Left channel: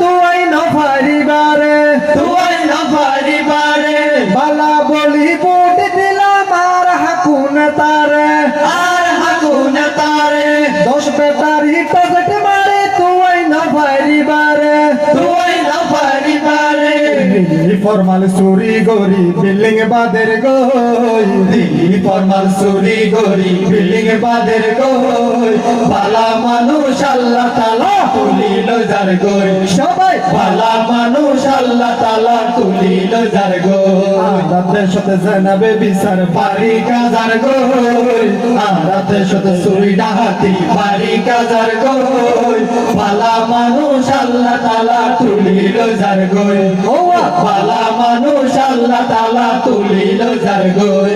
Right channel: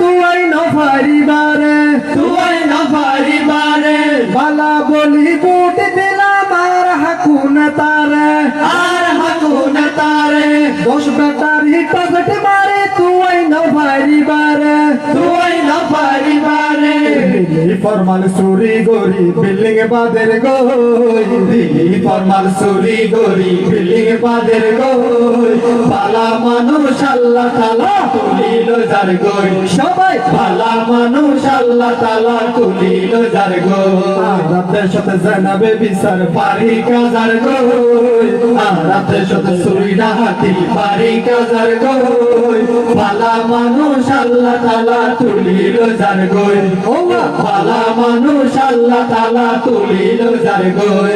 তুই না পারিবারে, তুই না পারিবারে। বালা বলি বুট দিলাম, আর হাকুন তারে, আর হাকুন তারে। দশ বেটারি টসকে মারি, তুই না পারিবারে, তুই না পারিবারে। দিল্লি ফরমাল সুরি গরি বিল্ডিং বাদের গই। দিল্লি ফরমাল সুরি গরি বিল্ডিং বাদের গই। মানুষ আল্লাহ তালা তুলিল যার গই সবাই। বালা মানুষ আল্লাহ তালা তুলিল যার গই রাতের সাথে জানাবে বিচার বাড়ি কাজার গই রাতের সাথে সুরি ডাহাতি বাড়ি কাজার গই বালা মানুষ আল্লাহ তালা তুলিল যার গই ও মানুষ আল্লাহ তালা তুলিল যার গই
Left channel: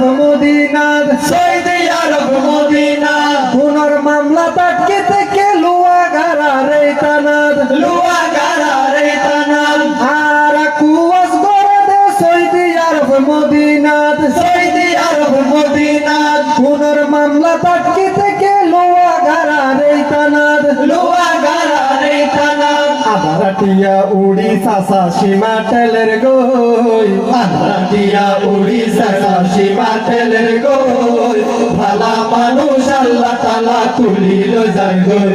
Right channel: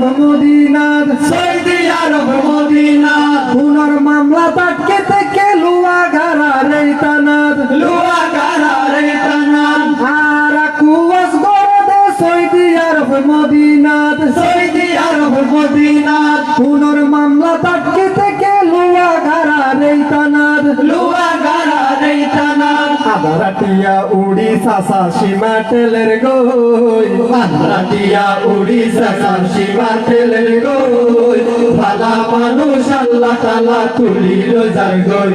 আরব মদিনার সৌদি আরব মদিনা পুনর মামলা পাটকে থেকে লুয়া গারা রে লুয়া গারা রে আর কুয়াস গড়ে সৌদি আরব মদিনাত সৌদি আরব মদিনাত পুনর মামলা পাটকে থেকে লুয়া গারা রে লুয়া গারা রে টিয়া উড়িষ্যা সীমা টেলের গই। আন্দ্রাটিয়া উড়িষ্যা তুলিল যার গই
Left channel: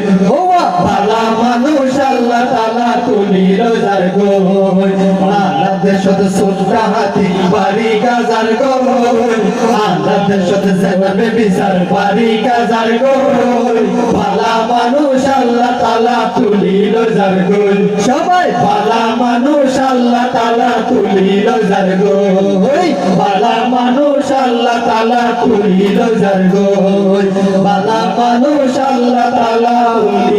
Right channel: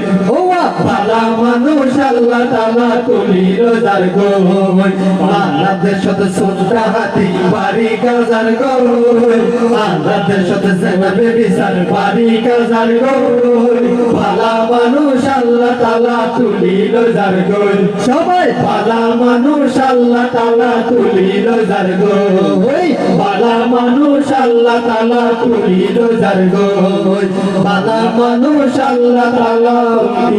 ভালা মানুষ আল্লাহ তালা তুলিল যার গই বাংলাদেশ সাথে সুলতা হাতি বাড়ি গাজার গই বাংলাদেশ সাথে সেনাবে বিচার বাড়ি গাজার গই ভালা মানুষ আল্লাহ তালা তুলিল যার গই সবাই ভালা মানুষ আল্লাহ তালা তুলিল যার গই ভালা মানুষ আল্লাহ তালা তুলিল যার গই la palabra.